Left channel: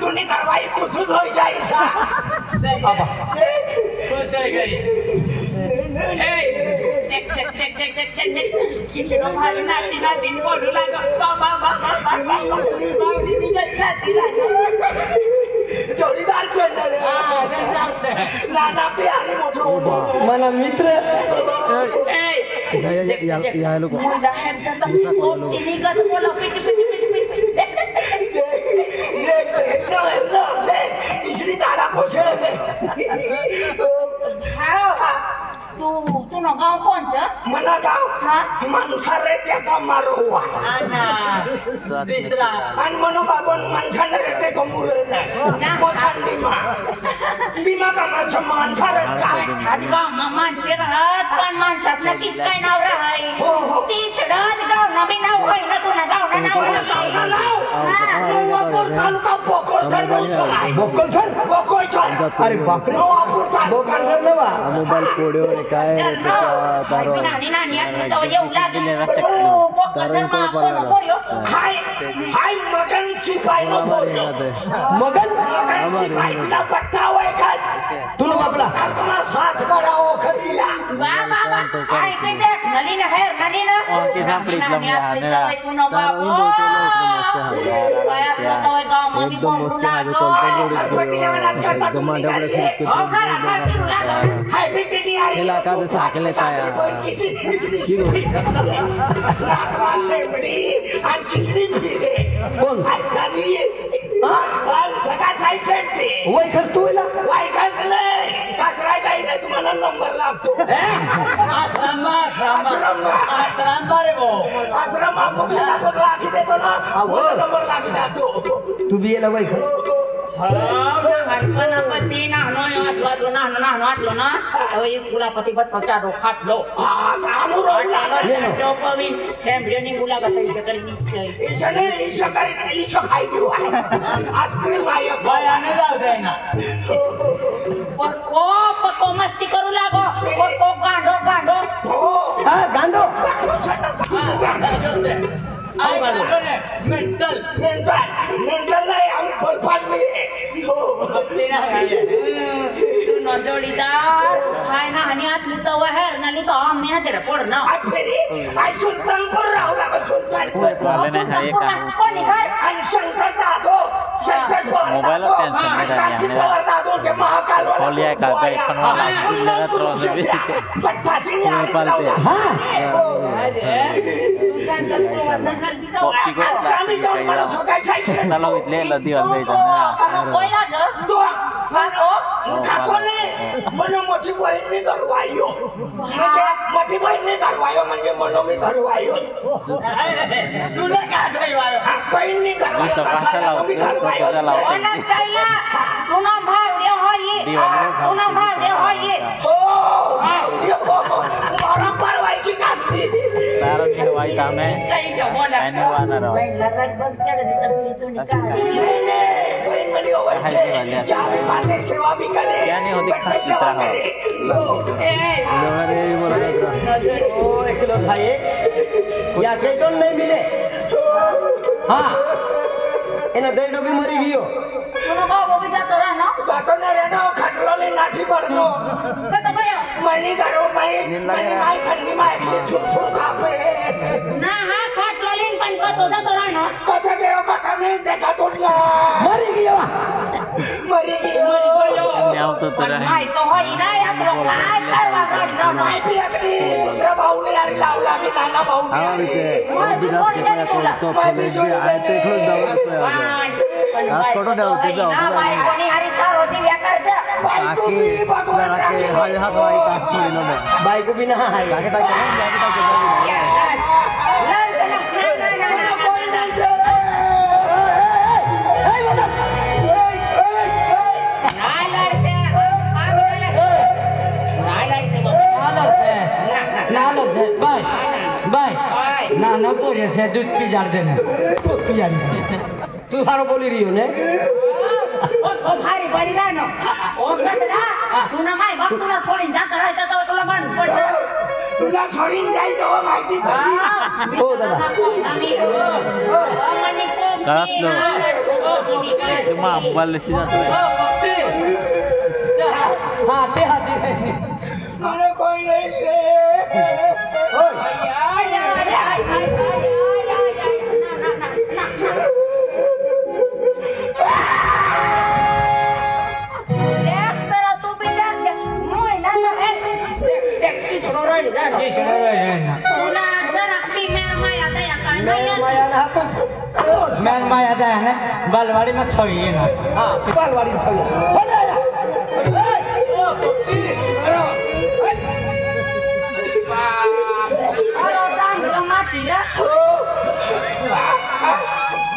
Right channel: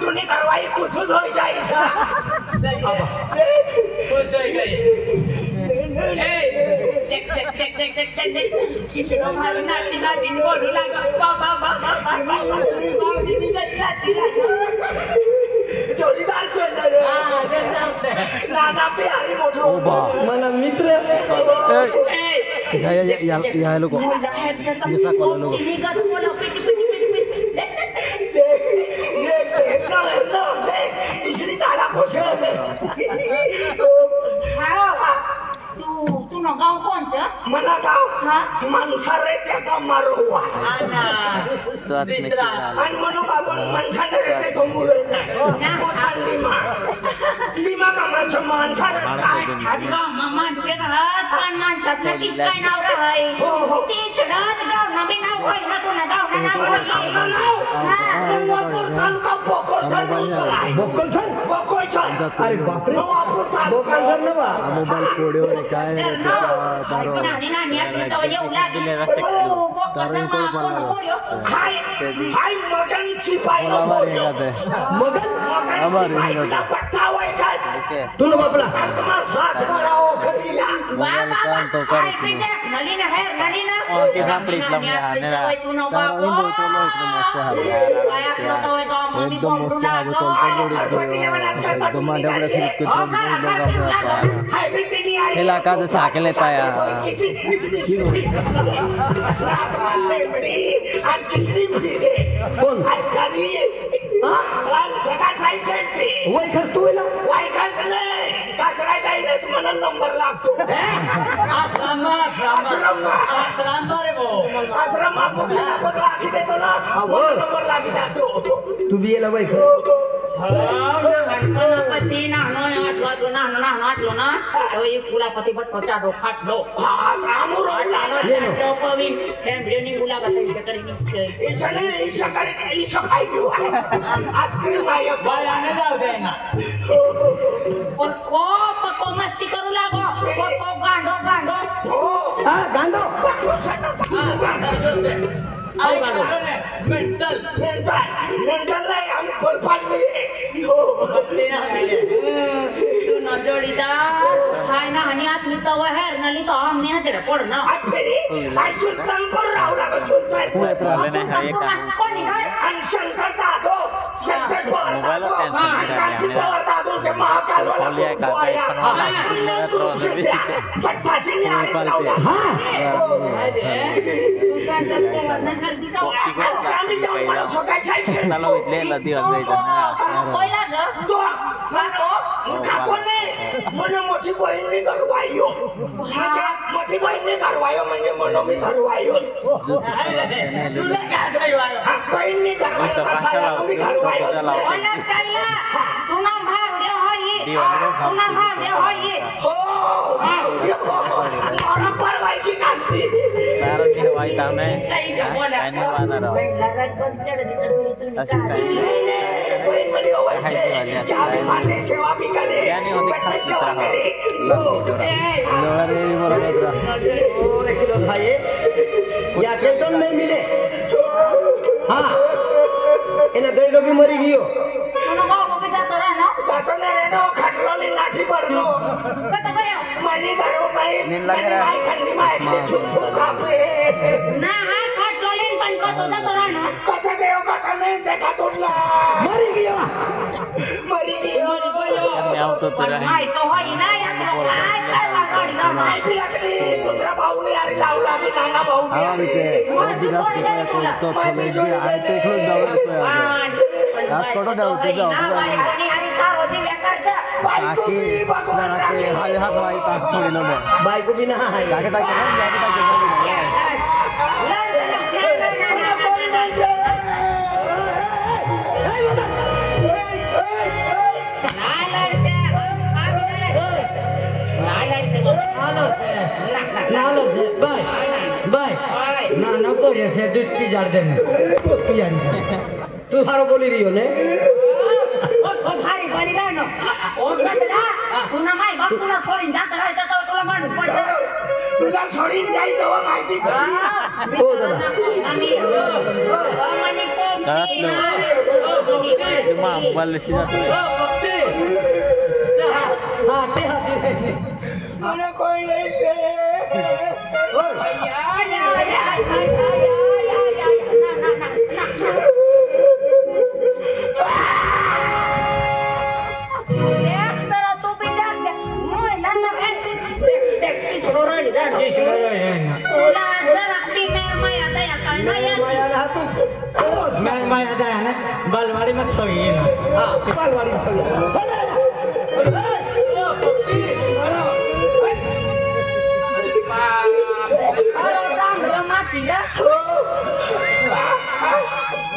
दुनी करवाई खुशुस हो जाए सा खुश हो गई देख किसी को भाई नाची बोलू लगा जोडीदार सोडणार ना प्यारी मोठो मला मित्र या लोक इसरी ताड़ा कोशे तू ना गाव कोणचं मना गाव माणसारे त्या गाव मारो हुआ आणि म्हणून बाबन माणसाने रेते गोमुरे ना सांगीमा दिमा का माणसारे आज गाव माणसे राहत पण माणसाच नक्कीच काय नाव राहाय तीच राहत गाव ना बी नाव होय ना तुला गाव ना मोबाईल पोडिओ काय तारो हाय मगन सिपाही मगन हमारे पट्टा हुआ का तुम बापला तुम्हारा साथ बढ़ाओ खरीला बाबा हाय पे देख मलिन है मलिन और की सापड़ी लंबा एकदम मस्त आहे कोलता जोडी एकदम मांडवडे फिरत हेला का साकेले ताया कोण सगळा साई सेंटे वय खस तू वय खस नाही कसराय काही नाही तुम्हाला नंबर लागतो आश्रम रे वो आश्रम मुख्याला पकड आखी देतो ना नंबर लागी जातो तू बी येला वय खस गणपती नाहनो ना अवे कुलापती बट पचाडो फाटलो कामू रोडला डोपाविन चॅम्पियननी मुलाखत करी निश्चय ईशो खाई दियो आईस्क्रीम आयो बलाने जाऊ दे ना पण को मस्ती करू लागो को गांडो हा गांडो मेंटल नाही आम्ही बलपाल मी तू न जोडीदार हाय ना आणि आतली चव हेर नाली तो आम्ही ना तिकडे पड ना आई सुलतानपूर राहू लागो सुलतानपूर कोणी काय आणि शंकर दादो दादो ते महाकाल मोठी बहिणी घरवायो मोठी बहिणी घरवायो म्हणजे म्हणून मी घरवायो तुला काय घरवायो बहिणी घरवायो मी घरवायो तुना भाव दे होई हो मारा परवाई की कांदी तारो की हवाई काम है काही बोला आणि वानर लग्न बंद चढली तर मी तुनी काय बहीण म्हणे होवायचे चाले माझे सेवा भी करे यानी होती खाती तरह रे बोला जात्रा ओ 1 किलो खाए या वेतन नहीं मिले हां एना गईडो भी मरी गयो तुनो बाबू भी जातो नहीं रहना खटलोली नाठी पड़नो कतो गयो मनी घरो नींद लगे माई ठंडी में एकले छुप खापे ना हा खटलोली पण कतो जातो रहनो कथा गयो कथा नहीं देखा तुला मरी गयो मैं तो तेरा माई तो होई ना या तो काय वाकडी ना माई भी अगली दूसरा भाऊ ने यार लावला की नाना भाऊ हां बीते वो बिना के तो खोले भी आए ते खुद दवर पे आ आज फोटो डालते जाओ आणि सारोजी व्याकारचा बाकी जरा के हाथ वाई ता थोड़ी नो में बाइक को भी ना है जाके ताके ना बोल नहीं से ना पोरे से दूध पी जार दे दूध पी जार तू हारो बोली रही हो ने ओ भारी बनी ना ओ गदा तू ना माई बाप तुला सोडून जात राहता तर तुला मारून पडतं तुला सोडून जाई तेव्हा माहिती पडली हो दादा आम्ही मनी पोप मोबाईल लिस्टी जातो हा ते हाती मला कोई नाही से बालवाड़ी में छवि है ना हाँ बालवाड़ी में छवि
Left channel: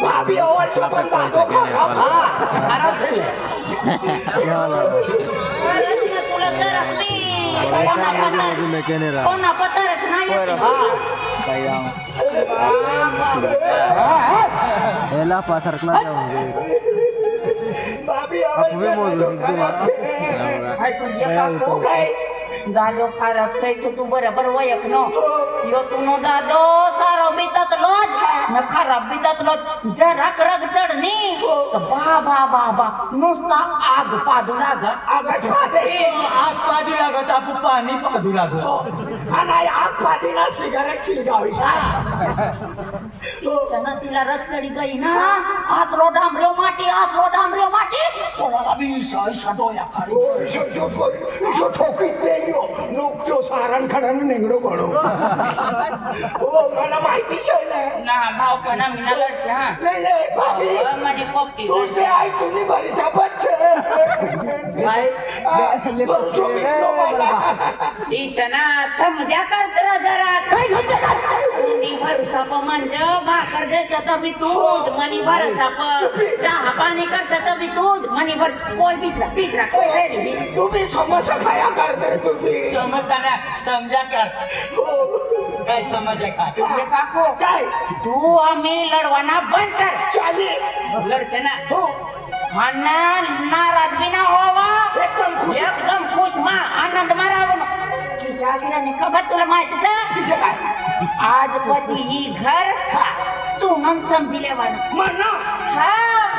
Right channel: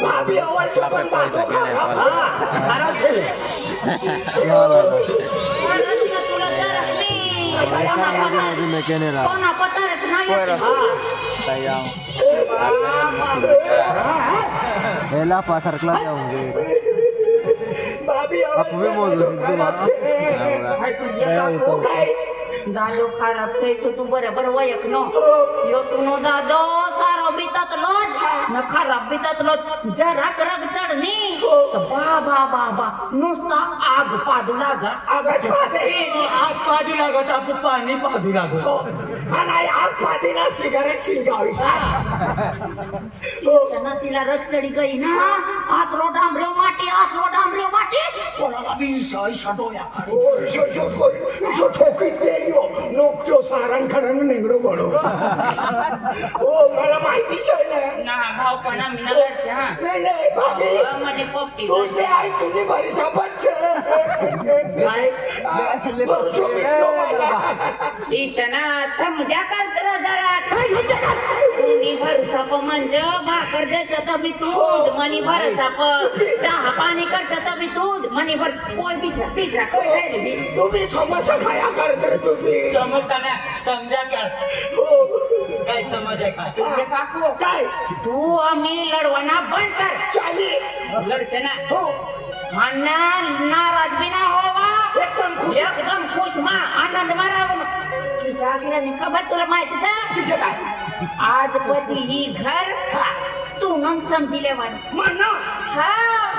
भाभी और छपन दादो आराम से ले क्या वाला mereka mau mekanera sayang elah pasar kelas जाऊंगे aku भी मौजूद एकदम saya ऊपर दादो खराब कैसे तू बराबर वयक नो यो तू नो दादो सारो बीतात लोट न खराब बीतात लोट जरा रग चढणी तो बाबा बाबा नुसता आग पादू लाग आग पादू लागत आपू पाणी पादू लागो आणि आग पादीना सिगारेट सिलगावी तिला रग चढी गई ना आतरो डांबरो माटी सोळाला बीसा डोया काढी जो ठोकीत देयो नोकतो सारण खडन निगडो गडो ओ मला माहितीच आहे ना भाव पण आम्ही नगरच्या नाही भाभी माझी पोपटी तुझे आई तुम्ही भरीसा बच्च काय दिसना समजा कर जरा काय समजा कोणी भरसाप म्हणजे भाकर द्यायचं तर मी दूध मनी भरसाप चहा पाणी करचं तर मी दूध मनी भर कोण पिझ्झा तुम्ही समस्या खाया करत रे तुम्ही समजता ना समजा कर काय समज आहे का तुझे काको काय तू आम्ही लढवाना बंद कर चाले लढसे ना हो म्हणा नाराज बी ना व्हावा एकदम खुश मा आनंद मारावा किसागिराने खबर तुला माहितीच तिचे काय आज पती ही घर तू मन समजिले म्हणा हा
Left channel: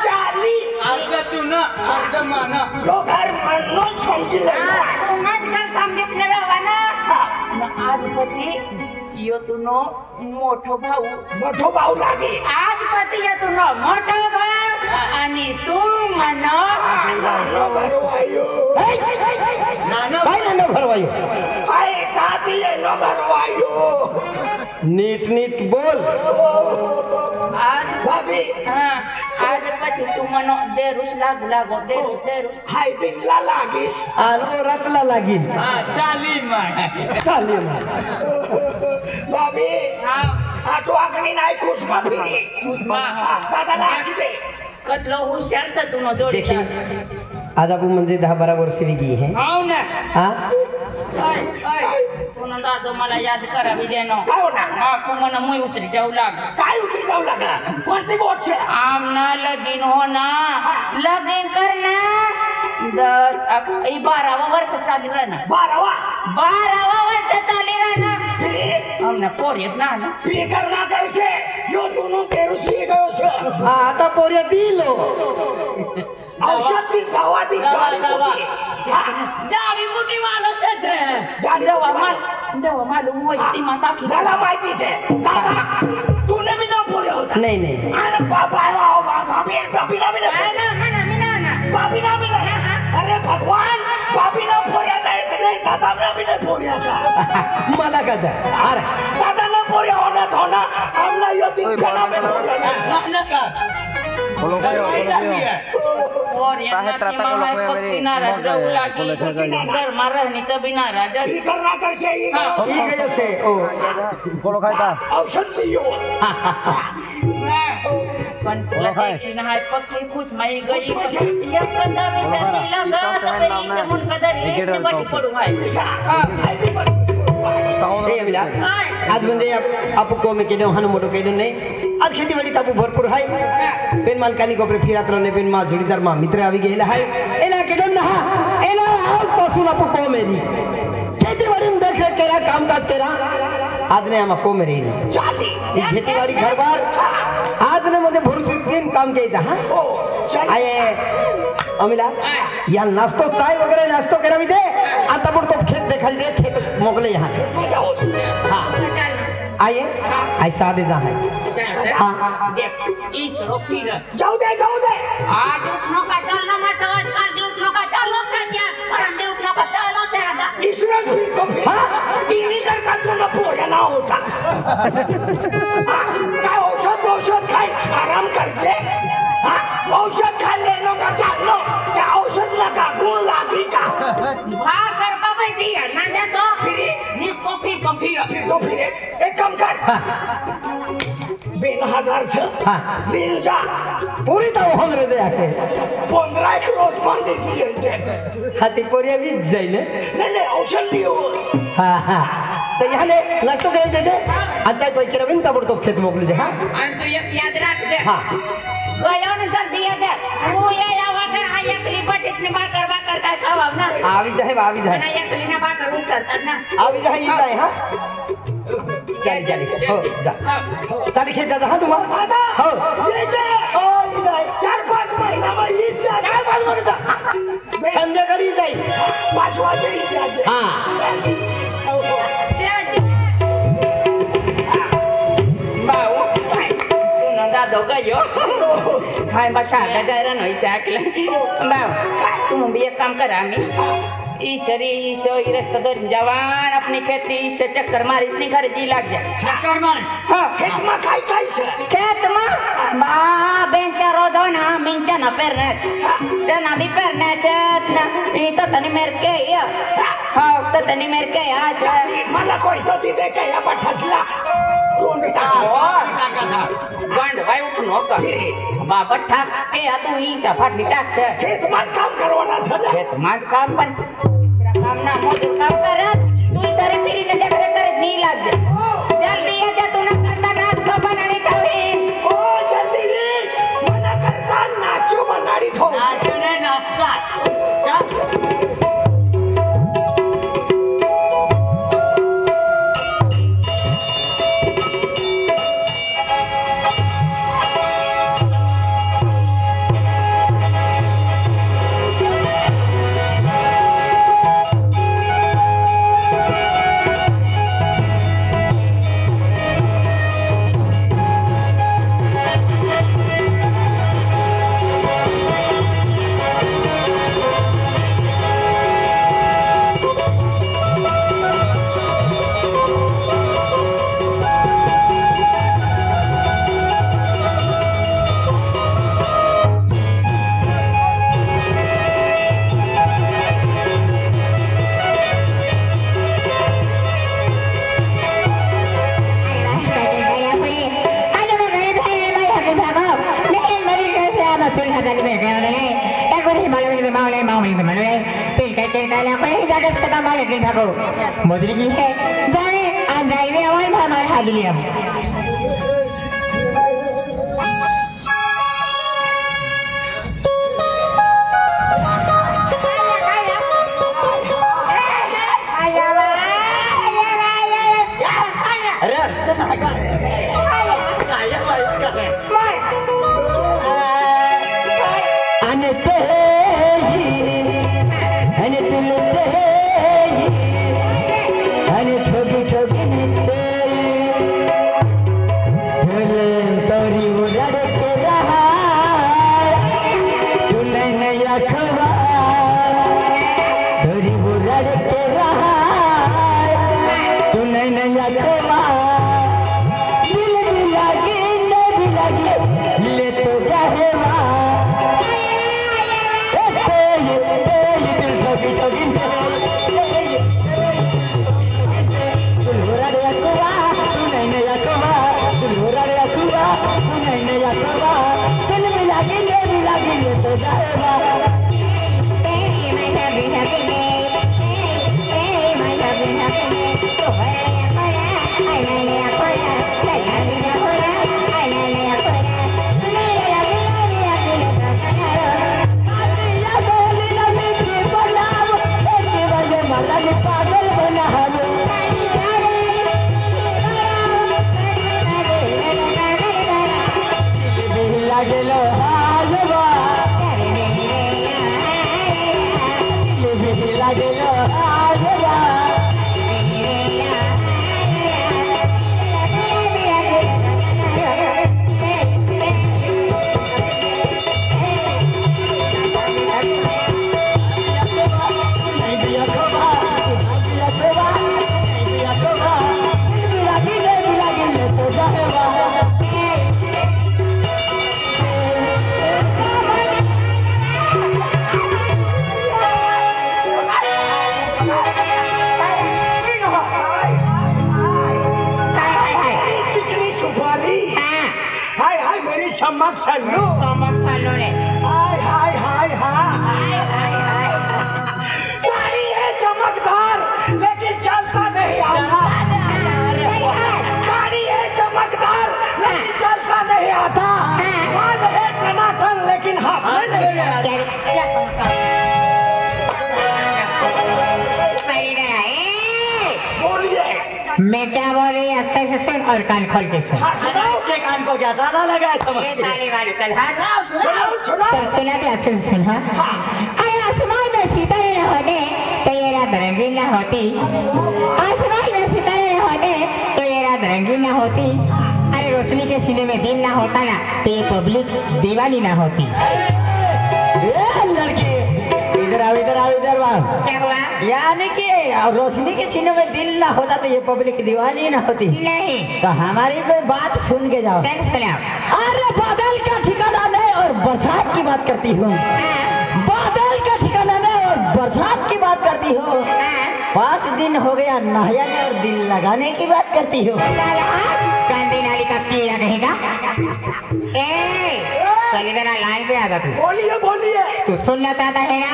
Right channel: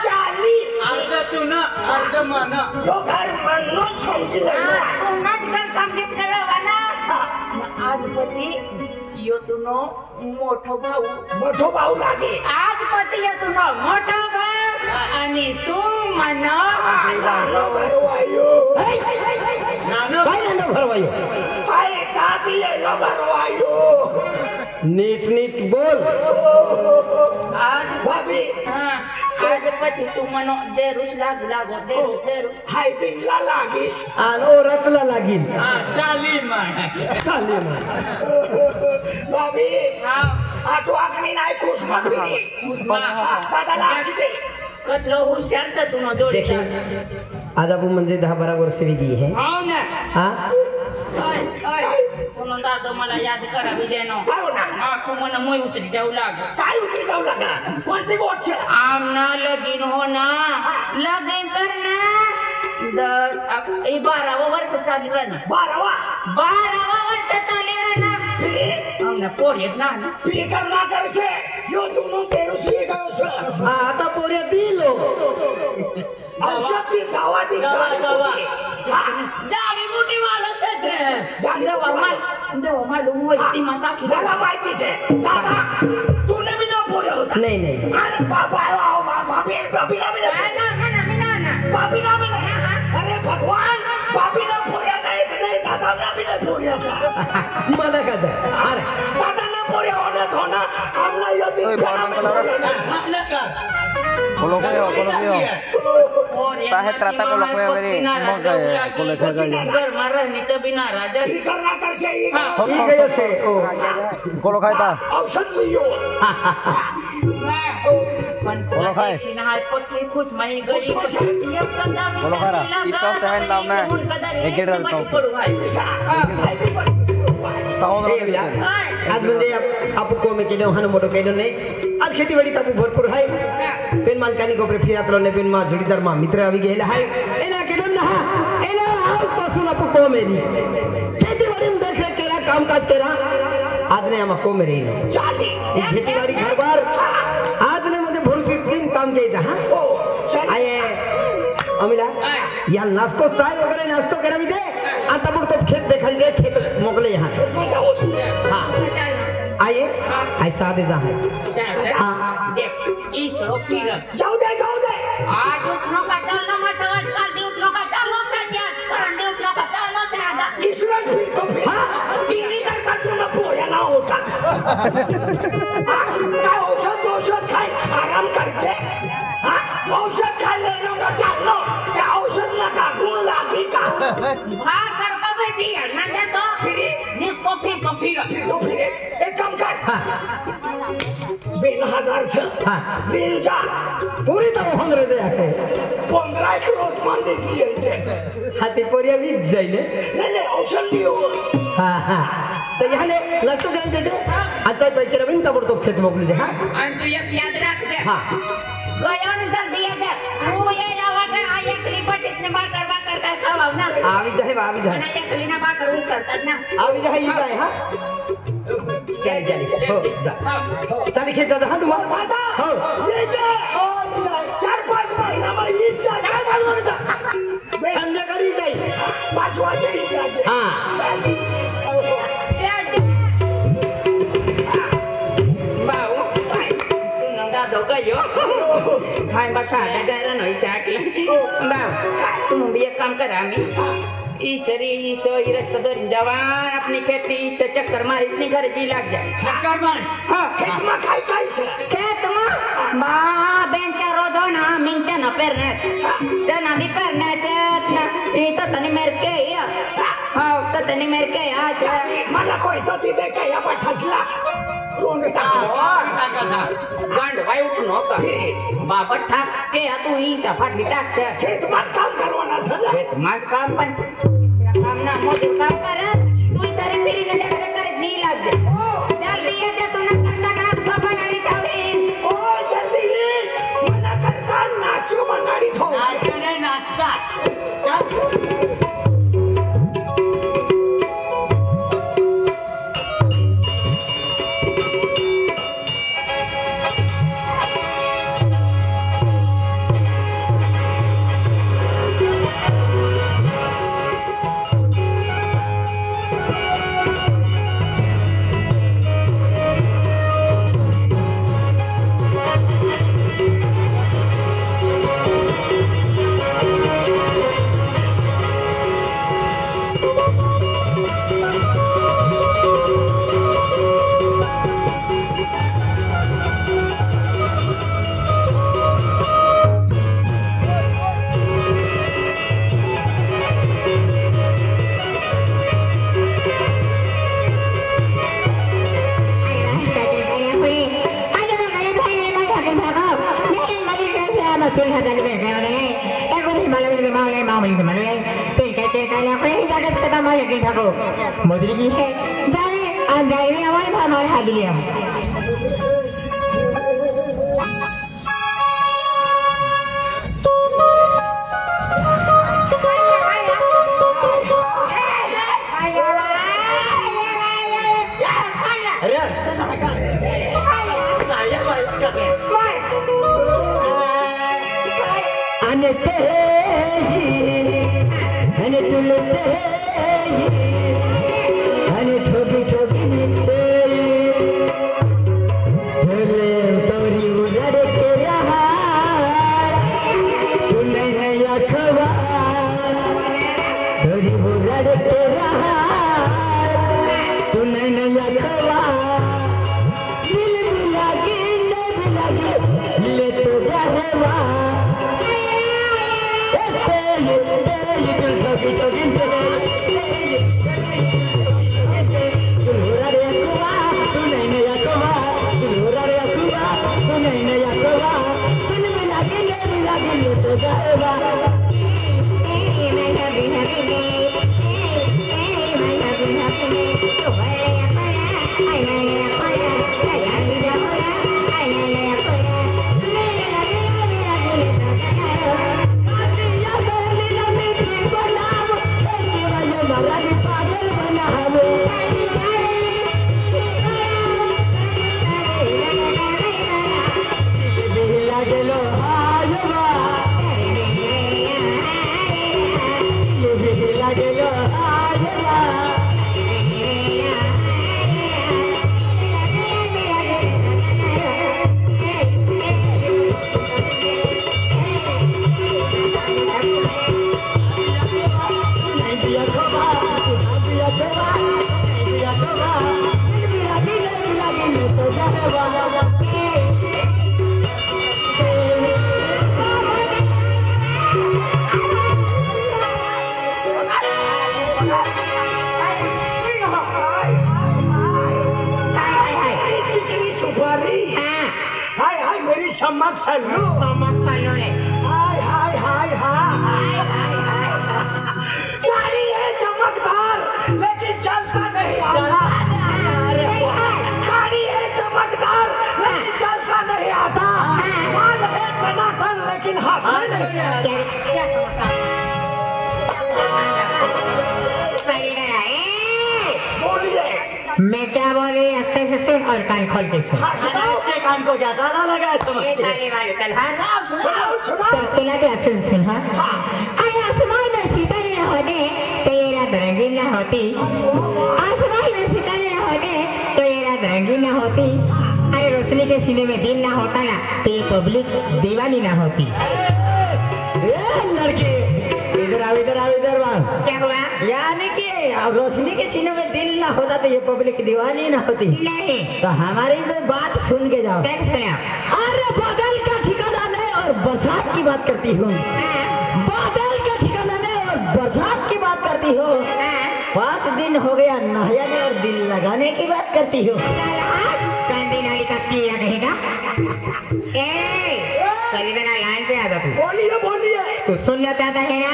चाली अर्ध तू ना अर्ध मान दोघार म्हणून समजिले तू नच घर समजितले ना आज पती यो तुनो मोठो भाऊ लागे आज पती यो तुनो मोठो भाऊ आणि तू म्हणा भरवायो नीट नीट बोल आज भाभी आज पती तू म्हणो देरुस लागो देरुस हाय दिनला लागीस आणि ओरातला लागीन चाली भाभी तू अग्नी नाही खुश भाभी दादाला आखी दे कतलो हुशार सा तुनो जोडी देखिए आज आप म्हणजे 10-12 वर्ष भी गई है हो ना हाँ पुन्हा दादा मला याद करावी देनो काय होणार तू म्हणा मुई उतरी जाऊ लाग काय उतरी जाऊ लागा कोणती गोष्ट आमना लगीन होना लगीन करना 12 वर्ष चालू राहणार 12 वर्ष चालू राहणार आमना पोर येत ना फिकर ना करसे यो दोनों तेरू सी गयो से आता पोऱ्या दिलो औषध दी दवा दी जाडी मोठी वाला सत्र देवा मालूम होती माता की मला माहिती से दादा तूने भी ना बोले होता नहीं अरे बाबा भाभी ना मिला भाभी ना मिला अरे भगवान भाभी ना पोऱ्या नाही दादा ना मिले पोऱ्या मला का जा अरे दादा ना पोऱ्या होना हमला यो दिन coloqueo Tahe trata coloqueo beri marah ni tapi naraja फिकर ना करसे coloqueo ta औषध लियो पण नाही पक्की खुश माई गई या कंदा इसका सहन नाम ना एक डेढ़ आज म्हणजे आपू कोमे केलो हन मोठो केलो नाही आज खेतीवाडी तापू भरपूर आहे पेन मानकानी कोपरे फिरातलो ने पेन मा जोडीदार मा मित्र आवी गेला आहे एला केलो ना एला आजपासून आपू कोमेली खेतीवाडी मध्ये केला कामकाज केला आज ने आमा कोमे रेन चाली खेतीवाडी घरबार आज ने मध्ये भरपूर दिन काम केजा हा आये अमिला या नाश्तो चाय वगैरह नाश्तो करा भी दे आता बुड़ तो खेत दिखाई दे खेत मोकले यहाँ हाँ आइए ऐसा दे जा है हाँ देख ईशो फिर जाऊ दे आज उठनो का चलना मत आज कल दे उठनो का चलो क्या परम दे उठनो का चलो चाहता इसमें फिर तो फिर इन्हीं करता तू न पूरा ना होता का औषध खाए आराम कर जे औषध खा लेनो का चालो क्या औषध लगा गुण लागी का भाग कर बाबा दिया ना दे तो फिर निस्तो फिर एक काम कर बिन हजार से लीन जा पूरी तरह होंगे दे आके 15 एक रोज मांगे दिए थे हाथी पोरिया भी जाइले ले औषध लियो हाँ तो यहाँ ले लास्ट गए दे दे अच्छा भाई के रविंद्र तब तो खेत मोकले जा और तू एक याद रख दे हाँ गया न जल्दी आ जा तू ये आवा कर आ एक रिपोर्ट इतने बाकर कर खावा ना आवी जाए ना एक लीना बाकर उचलता ना आवी जाए ये जाए हाँ चल हो जा सारी खेत जा हाँ तुम दादा हो ये चले 4-5 महीना में ये जा संजय करी जाए 5 बजे ही जा हाँ बाऊ तू नंगा दोगा यो हाय बसा गजारा नहीं साकले बाऊ तुम भी एक काम करा मी ईश्वरी ईश्वर रस्ता दरिन जवान अपनी खेती से चक्कर मार इसने घर जी लग जा चक्कर मार हाँ खेत में खाई कैसे खेत में बा बेंचा रोधो ना मिंचा ना पेरने चना भी पेरने चतना ई तो तनी मेर के या हाँ तो तनी मेर के या मला कोई तो दी दे के या ठसला गांड भाई उठनो का बाबा ठाक के या तू ही सफाट बिटाक से खेत में काम करवाना सजा खेत में काम पण काम ना हो जो काम कर तू इधर फिरी ने देख कर नहीं लाग जा जल्दी ये दे तू ना करता ना तो बनानी थोड़ी ओ जल्दी मना करता नाचो बनाड़ी थो नाचने नाश्ता मदरी की है जाने अंधारे और हमारे हाथ लिया छल्लू रे हाय हाय हाय हाय साड़ी है चमकदार लेकिन चलता नहीं आता साड़ी है चमकदार लेकिन चलता नहीं आता माल है टनाटन लेकिन हाथ में नहीं आता मैं क्या बोल रही अच्छे से सुन और कान खोल के सुन। इसके कान को क्या ताला लगा है समझ तो सुना भी अच्छे से सुन। हाँ अरे आसमान में सितारे न होते तो ये रात रंगीन न होती आसमान में सितारे न होते तो ये रात रंगीन न होती अरे रोशनी के सीने में दिन न होता ना तो ये पब्लिक दीवानी न होती। लड़के इधर आओ इधर आओ इधर आओ। क्या हुआ? यानी कि रोशनी के सीने में दिल ना होता तो ये पब्लिक दीवानी ना होती। नहीं तो हमारी बात सुन के जाओ। अरे बादल का ठिकाना नहीं और बरसात की बात करती हूँ। बादल का ठिकाना नहीं और बरसात की बात करती हूँ। 5 दिन हो गया नहाया में और दिल लगाने की बात करती हूँ। कांदी नाली का कीड़ा कहेगा। लाइन पे आ तू। बोलिए बोलिए तू सुनना चाहता है ना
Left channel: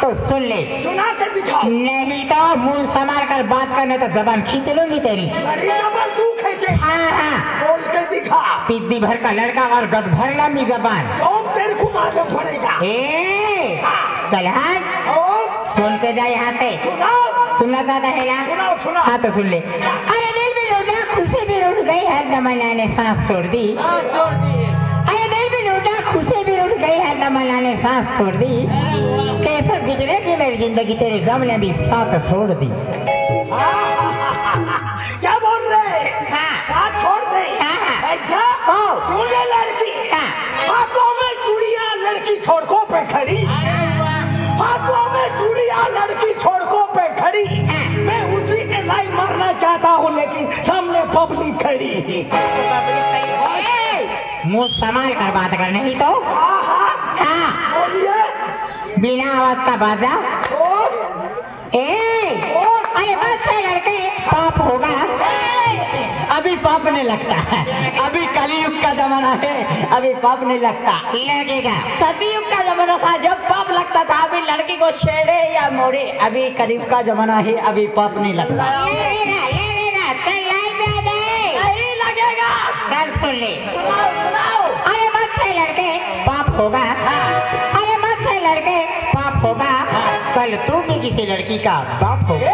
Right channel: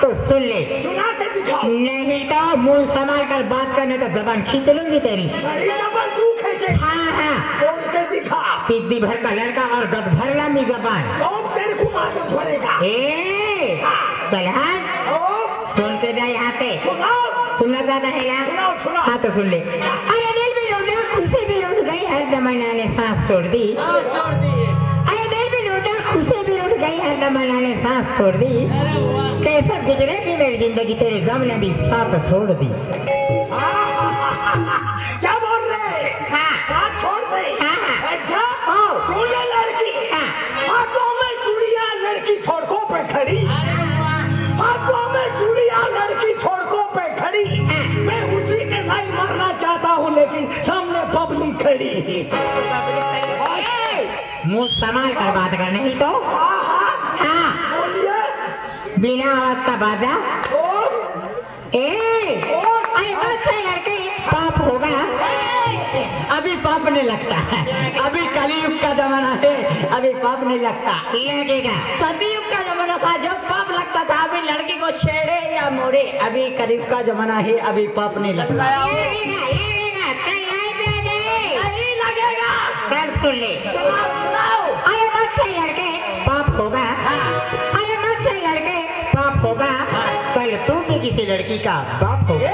तो सुन ले। सुना कर दिखाओ नहीं तो मुंह संभाल कर बात करने तो जबान खींच लूंगी तेरी। तू खींचे हाँ बोल कर दिखा पिद्दी भर का लड़का और गद भर लंबी जबान तेरे को मालूम पड़ेगा चल हाँ सुन के जा यहाँ से। सुनना चाहता है ना हाँ तो सुन ले। अरे दिल भी लौटा खुशी भी लौट गई है दमना ने सांस छोड़ दी। अरे दिल भी लौटा खुशी भी लौट गई है दमना ने सांस छोड़ दी। कैसे गुजरेगी मेरी जिंदगी तेरे गम ने भी साथ छोड़ दी। क्या बोल रहे साथ छोड़ दे ऐसा सुन ले लड़की हाथों में चूड़ियां लड़की छोड़कों पे खड़ी हाथों में चूड़ियां लड़की छोड़कों पे खड़ी मैं उसी के लाइन मारना चाहता हूँ लेकिन सामने पब्लिक खड़ी। मुंह संभाल कर बात कर नहीं तो बोलिए बिना आवाज का बाजा। अरे बच्चे लड़के पाप होगा। अभी पाप नहीं लगता अभी कलयुग का जमाना है अभी पाप नहीं लगता लगेगा। सतयुग का जमाना था जब पाप लगता था अभी लड़की को छेड़े या मोड़े अभी कलयुग का जमाना है अभी पाप नहीं लगता। लगेगा चल लाइन पे आ जाए लगेगा सब सुन ले। अरे बच्चे लड़के पाप होगा। अरे बच्चे लड़के पाप होगा कल तू भी किसी लड़की का बाप होगा।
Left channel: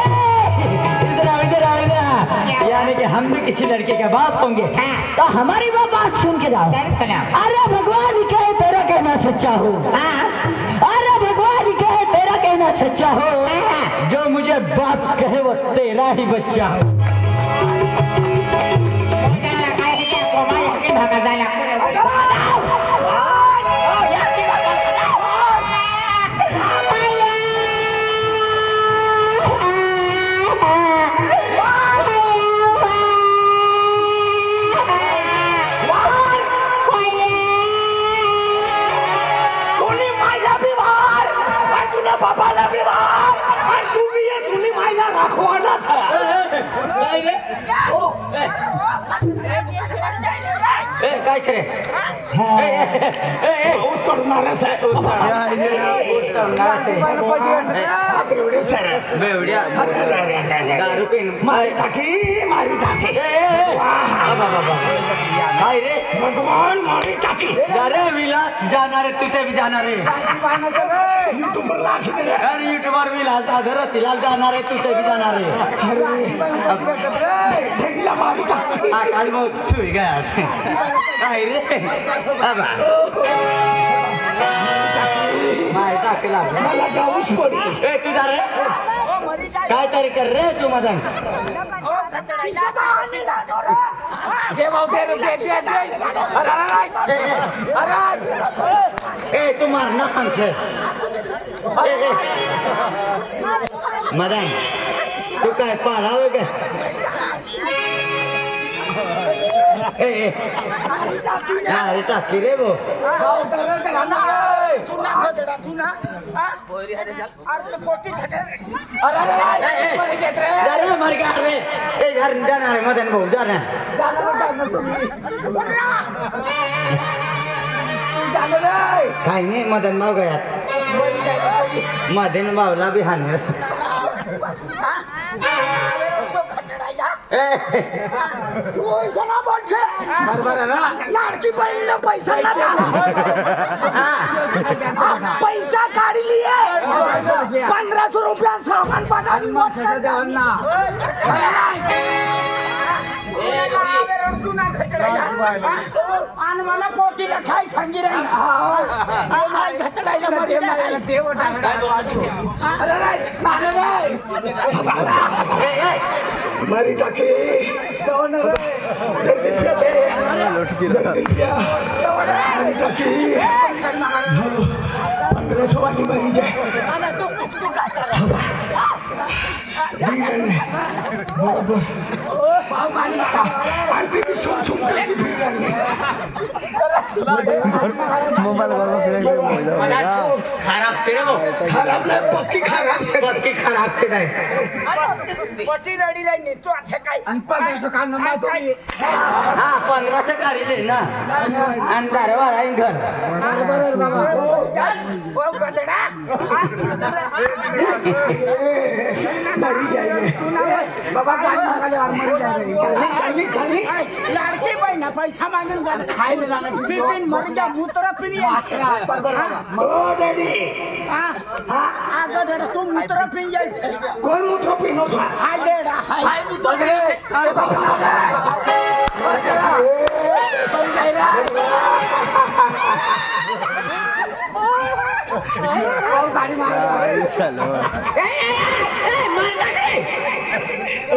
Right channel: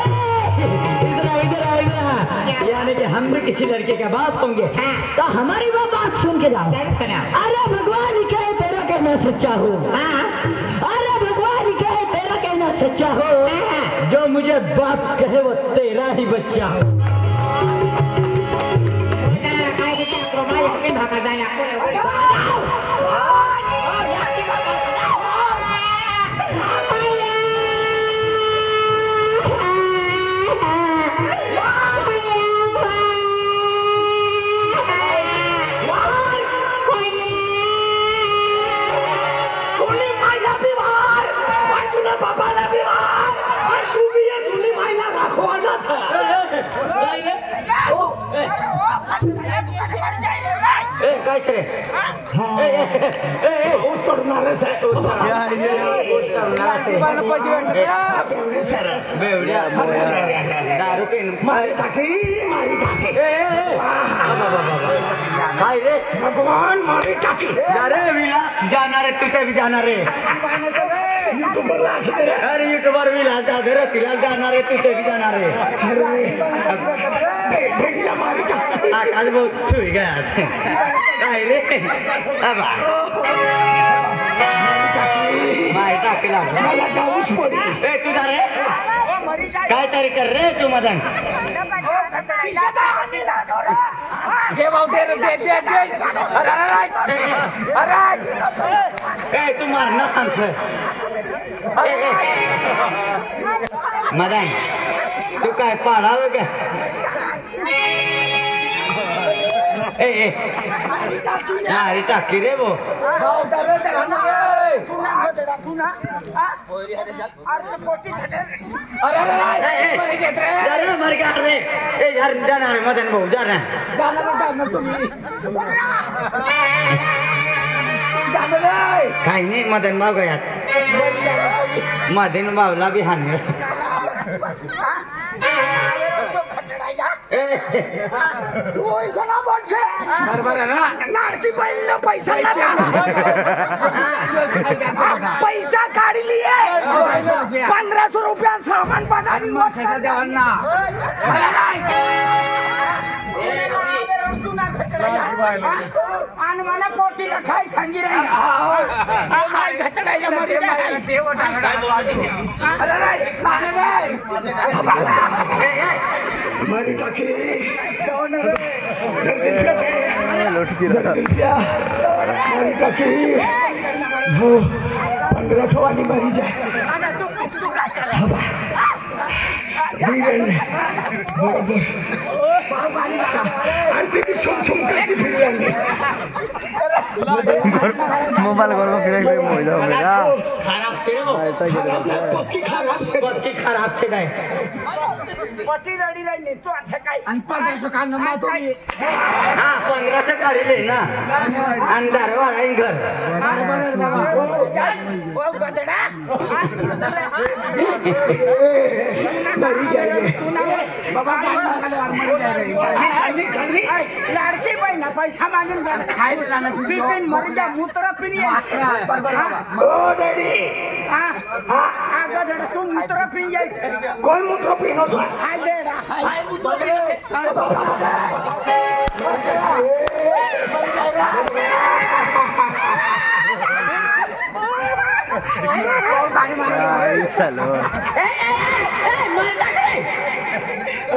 यानी कि हम भी किसी लड़के का बाप होंगे तो हमारी वो बात सुन के जाओ। अरे भगवान कहे तेरा कहना सच्चा हो। अरे भगवान कहे तेरा कहना सच्चा हो जो मुझे बाप कहे वो तेरा ही बच्चा हो। विलास जाना रे तुझे भी जाना रे अरे यूट्यूबर विलास तिलाल जाना रे तुझे भी जाना रे। आज वो सुई गया रे तू जा रे काय तरी कर रे तू मदन तू मारना हमसे मदन तू काय पाड़ा हो गया टाकी रे वो मर गया रे यार जाना है मदन भाऊ जा रहे हैं काय नाही मदन भाऊ गयात मदन भाऊला बी हानी लाडकी बहीण पैसा पैसा काढी लिए 1500 रुपया सामान आणि मला पोटीला काय सांगी मोबाइल खराब से नाही पटी रडी नाही तू असं काय 1500 गाडी दे ना आणि दारवार आहे घर लाडकी बहीण पैसा मागून पिन मर जा मूत्र पिन तू मूत्र पिन जायचं कोण मूत्र पिन हाय देडा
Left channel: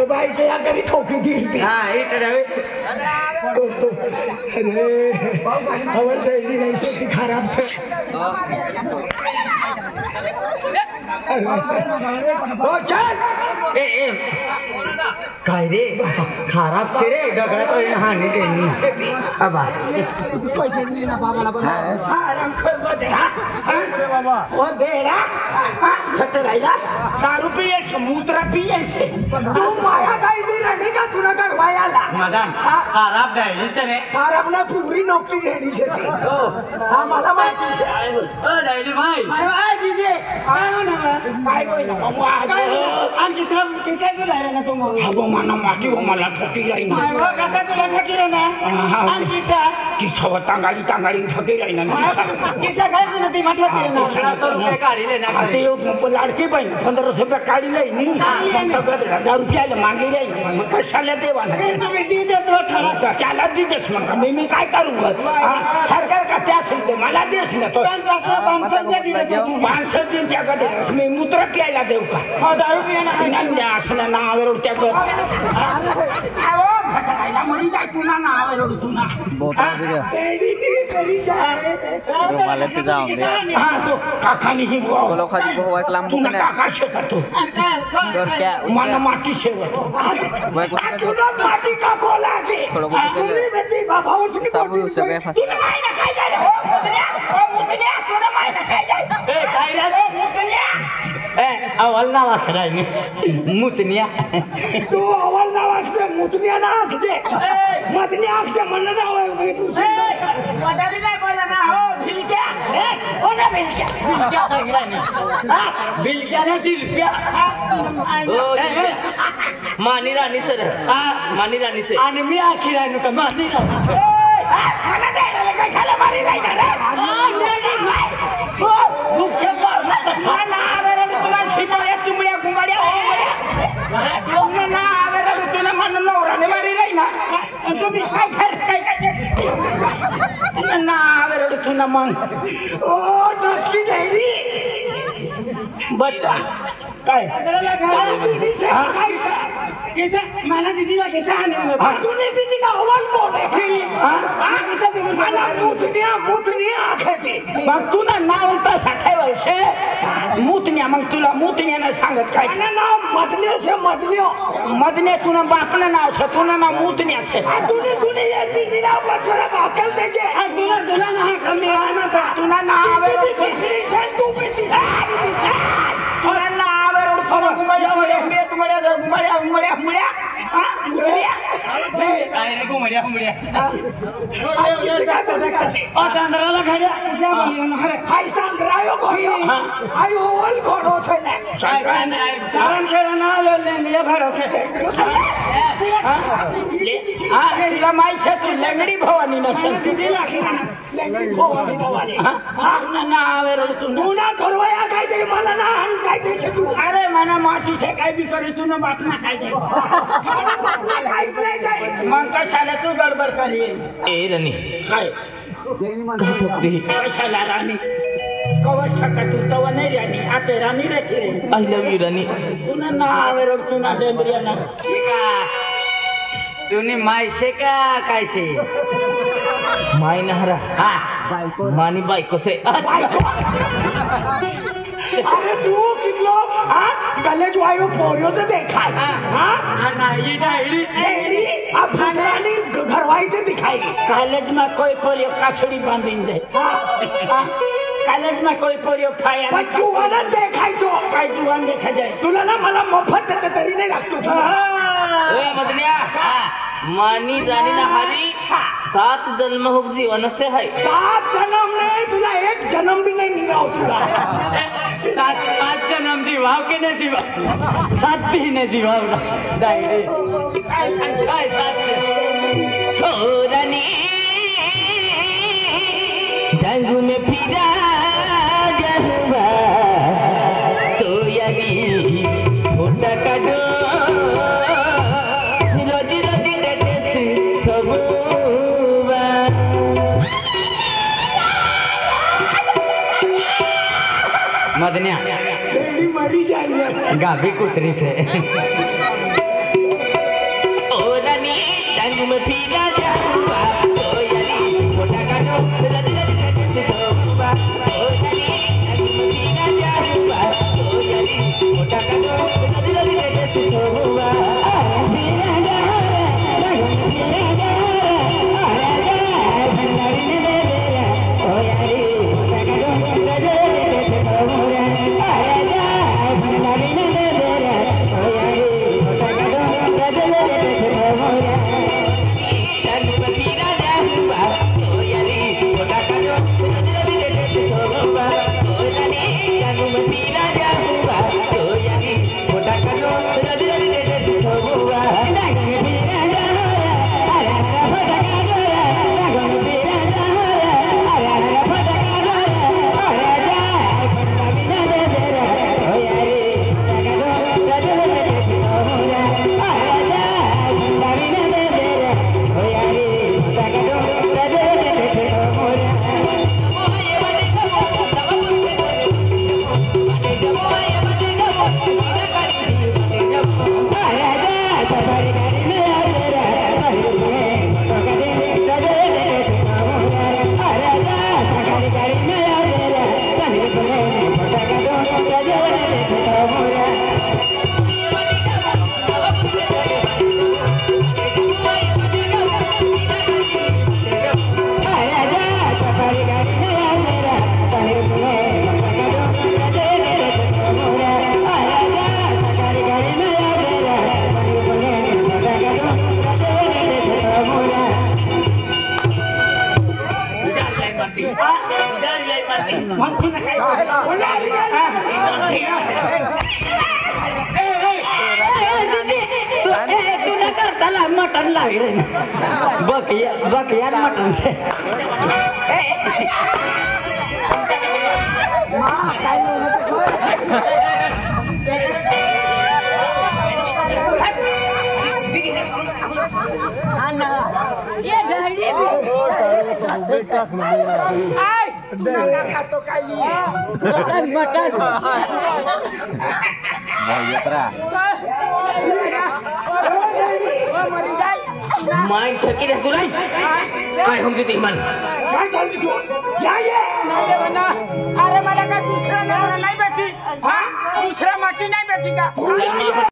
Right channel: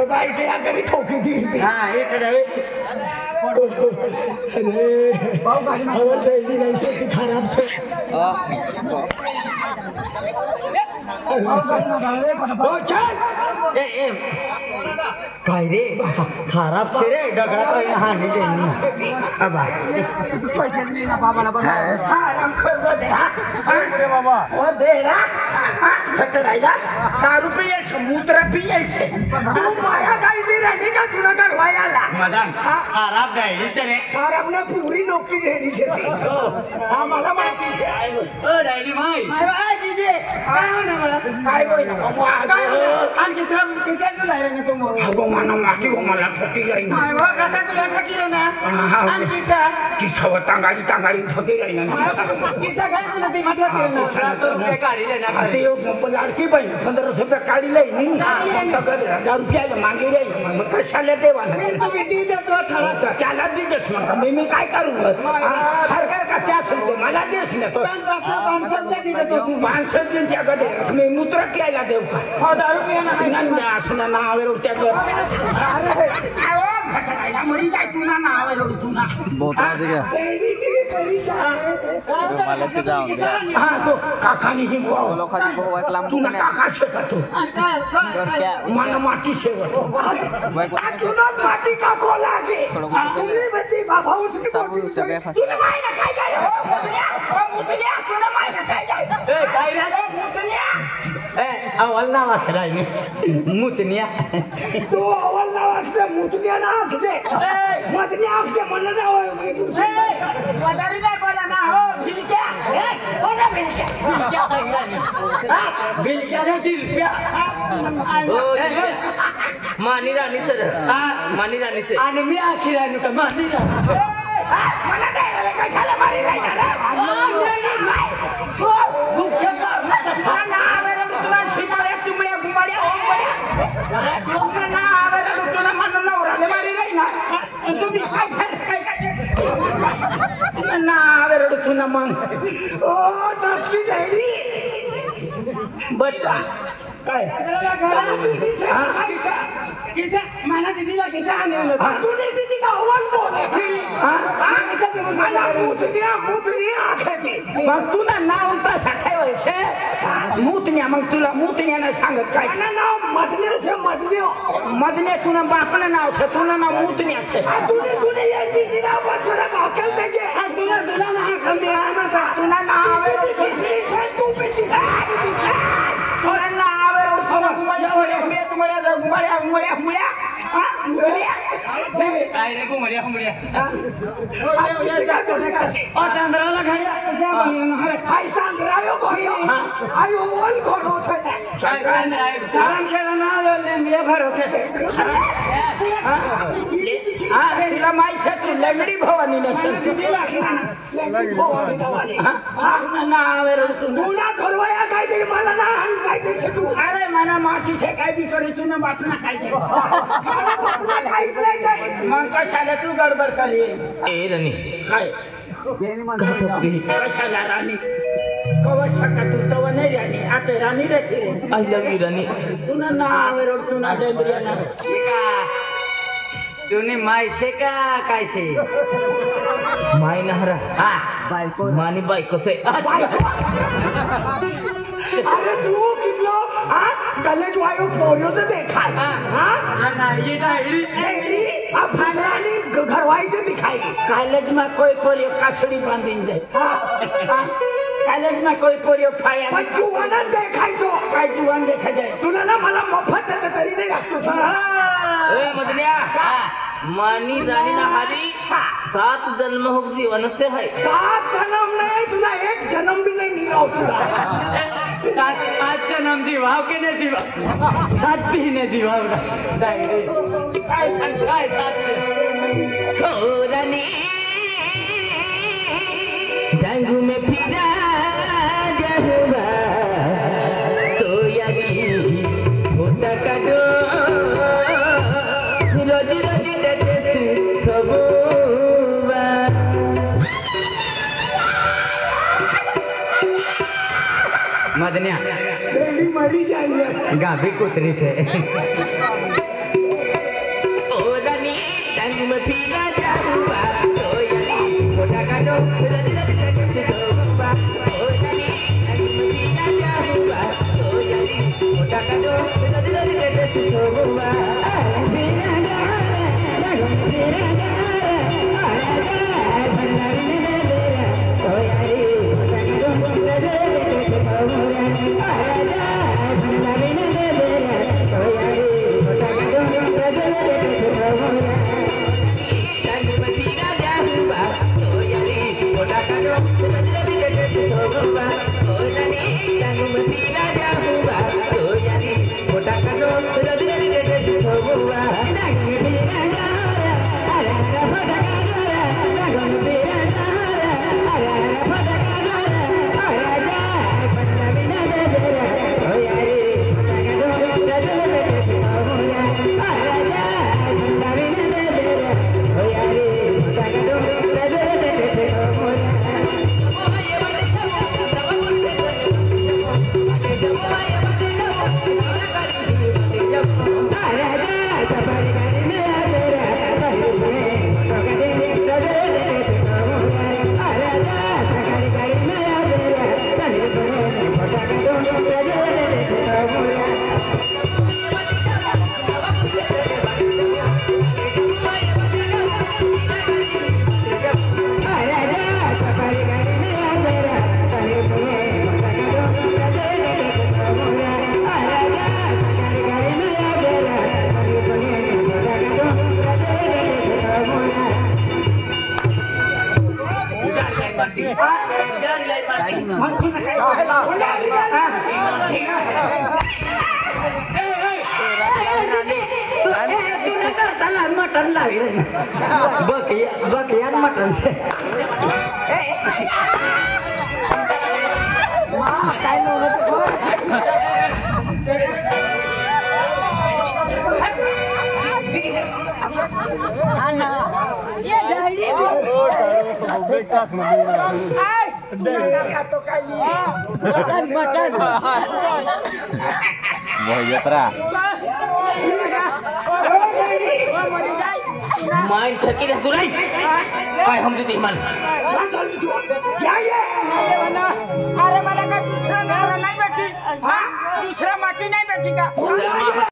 बाई तरी ठोकी दी नहीं सकती खराब से काय रे खराब से रे डगरा पहिला हानी देनी अबा मूत्र पियायचे तू माया गाई दिली का तुला गरवायाला मदन खराब डायरी से रे खराब ना पूरी नौकरी रेडी से थी आम्हाला माहिती से आहे डायरी माई माय दीदी काय होईल काय आणखी सर तिच्याच नाही ना तो अगो मानो मागी मला ठोकी जाई ना कसं तुला ठोकी ना आणखी सर किसा टांगाडी ठोकी जाई ना किसा काय ना ती ठोकी ना 1500 रुपये काढी ले ना ते लाडकी बहीण 1500 रुपये काढी लई नी 1000 रुपयाला मागे राही मग कशाला देवा तुम्ही दी देत त्याला दी देस मग मी काय करू सरकार का त्या असेल ते मला देस ना तो माणसं दिन त्या गदे मी मूत्र प्यायला देऊ का 10 रुपये असं नावावर त्या मरी जाय तुला नावावर तुला बहुत आगे गया तो काकानी ही kalau kali bawa kelam तू काका शकतो मला माती शेवट तुला माती का कोला के तुम्ही बेटी भावावर सब सगळे तुला माय ना काय जाय मुतल्या तुला माय ना काय जाय ए काय रे मुतल्या ए अवल नावा खराय मुतनिया तू अवल नावाचं मुतल्या ना तुझे मुतल्या अक्षर म्हणलं ना वदारी नाही बोला ना हो भिलक्या ए कोणा भिलक्या बिलक्या नाही दिलप्या मानी राणी सर मानी राणी सर आणि मी आखी राणी का मानी राणी सर मला द्यायला काय झालं मारी नाही काय मला दिदीला कैसा दिदीला आवाज बोल मग तुला नाव उलटा साठे वर्ष मुतण्या मग तुला मुतण्यानं सांगत काय नाव मदन्या तुला बापनं नाव से तुला नाव मुतण्या से तुला यायची नाव तुला भाकल त्याचे तुला ना कमी तुला नाव तू पिती काय रे घुमड्या चंद्राला घड्या आई ओवल खोटो छे ने सारण खेलना ले घर से तिला माई शक्ती लंगडी भवानी नसेल तिला लंगडी भवानी नवानी ना आवे रे तू ना करवाया काहीतरी मला ना काहीतरी तू अरे मना माती से काही बी करे तू ना बातना काय दे मला बातना काहीच नाही जाय मग कशाला तू गडबड करी ए रनी काय कशाला राणी कवच टाका तू तवा नाही राणी आता राणी राहते रे आई लव यू रनी तुला ना आवे रे तू ना डेंबरिया ना तूने माय से का काय से माय नहरा बायको मानी बायको से अरे तू कितलो कले जो आयो पोरियो से देखा ना ये डायरी अब भगवानी घरवाई से दिखाएगी कॉलेज में कोई पोरियो काछड़ी बांधिन जाए कॉलेज में कोई पोरियो खाया जुवान देखाय तो काय जुवान देखा जाए तुला ना मला मोफत देते तरी नाही लागतो ए मदनिया मानी रानी ना हरी 7 जन्म हुक जीवन से है 7 जन्म नहीं तुला एक जन्म भी नहीं मिला तुला 7 जन्म जीवाव के नहीं जीवा 7 भी नहीं जीवा काय साथ हो रानी डांगू में फिरा जहुआ तो यही होता का दो रोजी रोजी देते से थबुआ मदनिया बेबी मरी जाएगी गाभी कुतरी से ओ रानी डांग में फिरा जाऊंगा तो यारी मोटा का दो रोजी रोजी देते से थबुआ ओ रानी डांग में फिरा जाऊंगा तो यारी मोटा का दो रोजी रोजी देते से थबुआ बकयार मटन से माइंड थकी रह तू नहीं काय हम जीती मन काय चालली तू या ये अरे मला का दूसरा नहीं बैठी हां दूसरा माटी नहीं बैठी का